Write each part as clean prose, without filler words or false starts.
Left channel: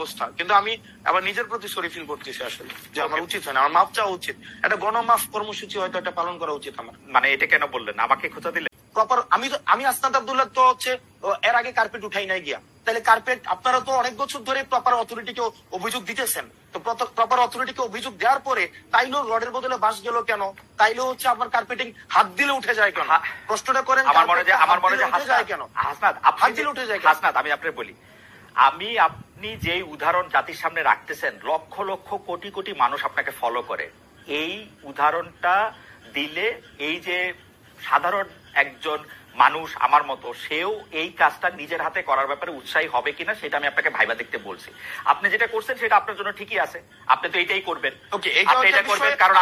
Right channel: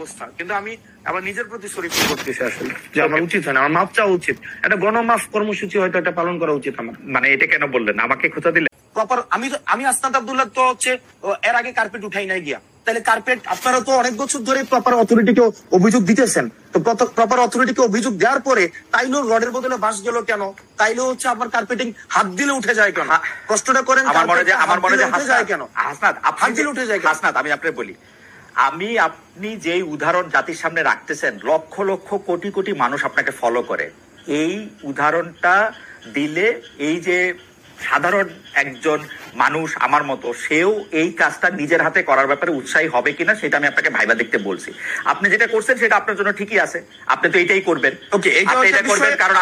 অবস্থা, কিন্তু আমি আবার নিজের প্রতি সরি ফিল করতেছি আসলে যে আমার উচিত হয় না, আমার মাপ চাওয়া উচিত, একটা গণমাফ কর্মসূচি হয়তো একটা পালন করা উচিত আমার। মানে এটা কেন বললেন, আমাকে খোঁচা দিলেন? প্রপার আমি আসনাদ আব্দুল্লাহ তো হচ্ছে এর আগে কার্পেট উঠাই নাই গিয়া, তাহলে কার্পেট আপনারা তো অনেক বছর ধরে প্রপার অথরিটিকে অভিযোগ দিতেছেন, তো প্রপার অথরিটিকে অভিযোগ দেওয়ার পরে তাইলেও রডের বদলে বাঁশ গেল কেন, তাইলেও হচ্ছে আপনার কার্পেটিং হাত দিলে উঠে যায় কেন? প্রশ্নটা করেন আমার মনে হয় উঠে যায় কেন, হাত দিলে উঠে যায় কেন? হাসনাত, আমি আপনাকে বলি, আপনি যেই উদাহরণ জাতির সামনে রাখতেছেন, লক্ষ লক্ষ কোটি কোটি মানুষ আপনাকে ফলো করে, এই উদাহরণটা দিলে এই যে সাধারণ একজন মানুষ আমার মতো, সেও এই কাজটা নিজের হাতে করার ব্যাপারে উৎসাহী হবে কিনা সেটা আমি আপনাকে ভাইবা দেখতে বলছি। আপনি যেটা করছেন সেটা আপনার জন্য ঠিকই আছে, আপনি তো এটাই করবেন। ওকে, এটা করবেন কারণ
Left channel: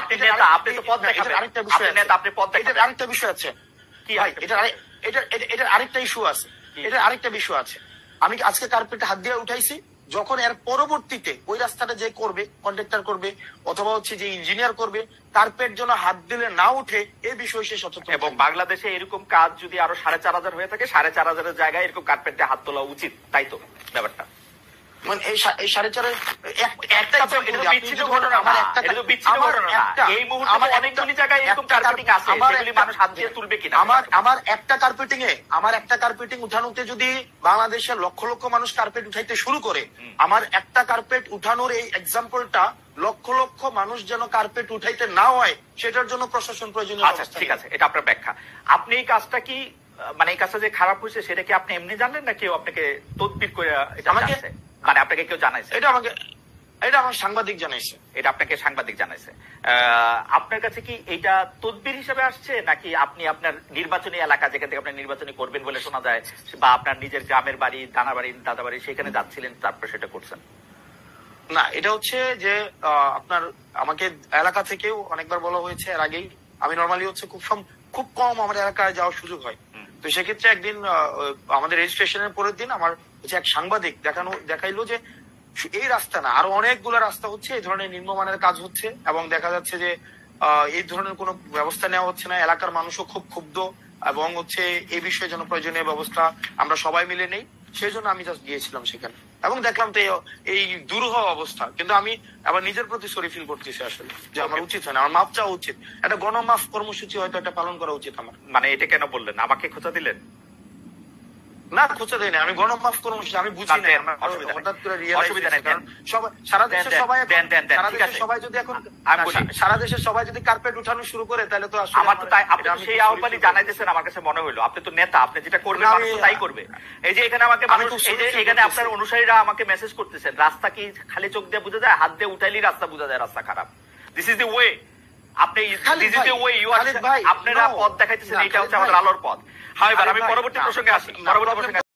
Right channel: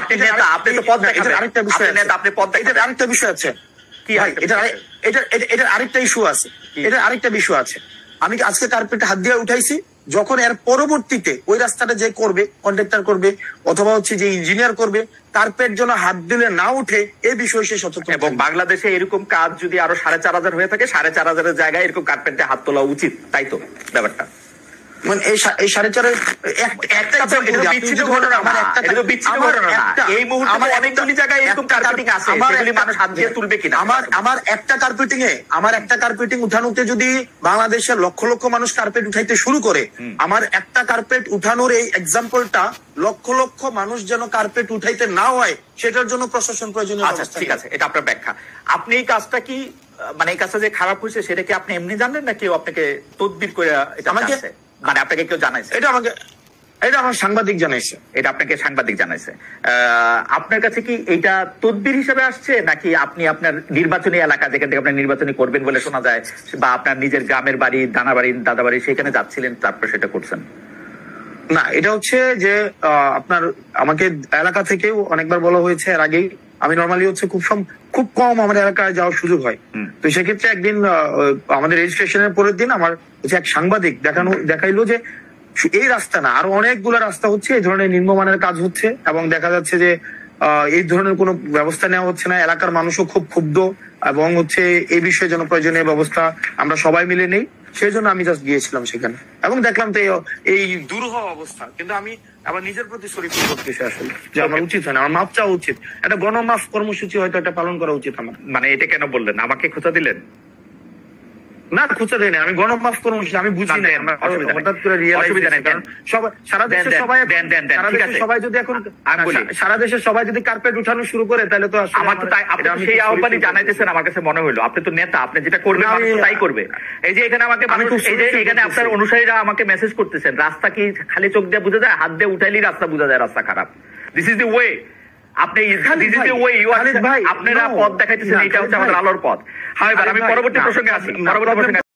আপনি নেতা, আপনি তো পদ দেখাবেন। আরেকটা বিষয় আছে, আপনি পদ দেখাবেন। আরেকটা বিষয় আছে কি? এটা আরেকটা ইস্যু আছে, এটা আরেকটা বিষয় আছে। আমি আজকে কার্পেটে হাত দিয়ে উঠাইছি, যখন এর পরবর্তীতে ওই রাস্তাটা যে করবে, কন্ট্রাক্টর করবে অথবা হচ্ছে যে ইঞ্জিনিয়ার করবে, কার্পেট যেন হাত দিলে না উঠে এই বিষয়ে সে সচেতন। এবং বাংলাদেশে এরকম কাজ যদি আরো 4,500 হয়ে থাকে, 4,500 জায়গায় এরকম কার্পেটে হাত তোলা উচিত, তাই তো ব্যাপারটা? মানে এই 4.5 একটা বিচ্ছিন্ন ঘটনা, এই মুহূর্তে অনেকগুলি জায়গায় এরকম কার্পেটিং আছে, সেগুলি মানুষ হাত দিয়ে তুলবে কিনা? আমার একটা কার্পেটিং উঠানোতে যদি বাংলাদেশের লক্ষ লক্ষ মানুষ কার্পেট উঠাইতে শুরু করে, আমার একটা কার্পেট উঠানোর এই এক্সাম্পলটা লক্ষ লক্ষ মানুষ যেন কার্পেট উঠাইতে না হয় সেটার জন্য প্রশাসন প্রয়োজনীয়। আচ্ছা ঠিক আছে, এটা আপনার ব্যাখ্যা। আপনি এই কাজটা কি, মানে এই কাজটা যে খারাপ হয়েছে সেটা কি আপনি এমনি জানলেন না কেউ আপনাকে তদবির করে এটা জানাইছে? মানে আপনাকে কেউ জানাইছে? এটা আমার সাংবাদিক জানাইছে। এটা আপনাকে সাংবাদিক জানাইছে। আপনার কাছে কি এটা তদবির হিসেবে আসছে, নাকি আপনি আপনার নির্বাচনী এলাকা, যেখান থেকে আপনি নির্বাচনী করবেন বলে শোনা যায়, বা আপনার নিজের গ্রামের বাড়ি, দানা বাড়ি, দাদা বাড়ি, সেখানে যাচ্ছিলেন, তারপর সেটা করছেন? না, এটা হচ্ছে যে আপনার আমাকে এলাকা থেকেও অনেকবার বলা হয়েছে এর আগেই। আমি নর্মালি হচ্ছে খুব কম আমার এলাকায় যাওয়ার সুযোগ হয়, তো সেক্ষেত্রে একদিন আমাদের রেজিস্ট্রেশনের পরের দিন আমার হচ্ছে এক সাংবাদিক দেখাইলো যে এই রাস্তা না, আরো অনেকগুলো রাস্তা হচ্ছে এই ধরনের নিম্নমানের কাজ হচ্ছে, এবং দেখা যাচ্ছে যে এই ধরনের কোনো ব্যবস্থা নেওয়া হচ্ছে না। এলাকার মানুষও খুব ক্ষুব্ধ, এবং হচ্ছে এই বিষয়ে যেন প্রয়োজনীয় ব্যবস্থা আমরা সবাই মিলে নেই, সেই জন্য আমি জাস্ট গিয়েছিলাম সেখানে এবং দেখলাম তো এই দুরূহ অবস্থা, কিন্তু আমি আবার নিজের প্রতি সরি ফিল করতেছি আসলে যে আমার উচিত হয় না, আমার মাপ চাওয়া উচিত, একটা গণমাফ কর্মসূচি হয়তো একটা পালন করা উচিত আমার। মানে এটা কেন বললেন, আমাকে খোঁচা দিলেন? না, খুঁজে দেয়নি, আমি গণমাফ কর্মসূচি আমি বুঝি না, হঠাৎ করে অসুবিধা নেই, কারণ সারা দেশের সবাই যদি এখন সারা দেশের সবাই যদি কার্পেট উঠানো শুরু করে, তাহলে তো আমার তো তাই, আপনি সেই আহ্বানই জানাইতেছেন, আমার কাছে মনে হইলো আপনি তো নেতা, আপনি যেটা করবেন মানুষ তাই করবে। এই যে এখানে আমাকে এখানে আপনার অনুসারীরা আমাকে মেসেজ করতেছেন, রাস্তা কি খালি চোখ দিয়ে বোঝা যায়? হাত দিয়ে উঠাইলেই রাস্তা বোঝা যায় রাস্তা খারাপ। This is the way. আপনারা পথ দেখাইতেছেন, এটা হচ্ছে আমাদের আলোর পথ। হ্যাঁ, এবার আমি পরবর্তী প্রসঙ্গে আসি।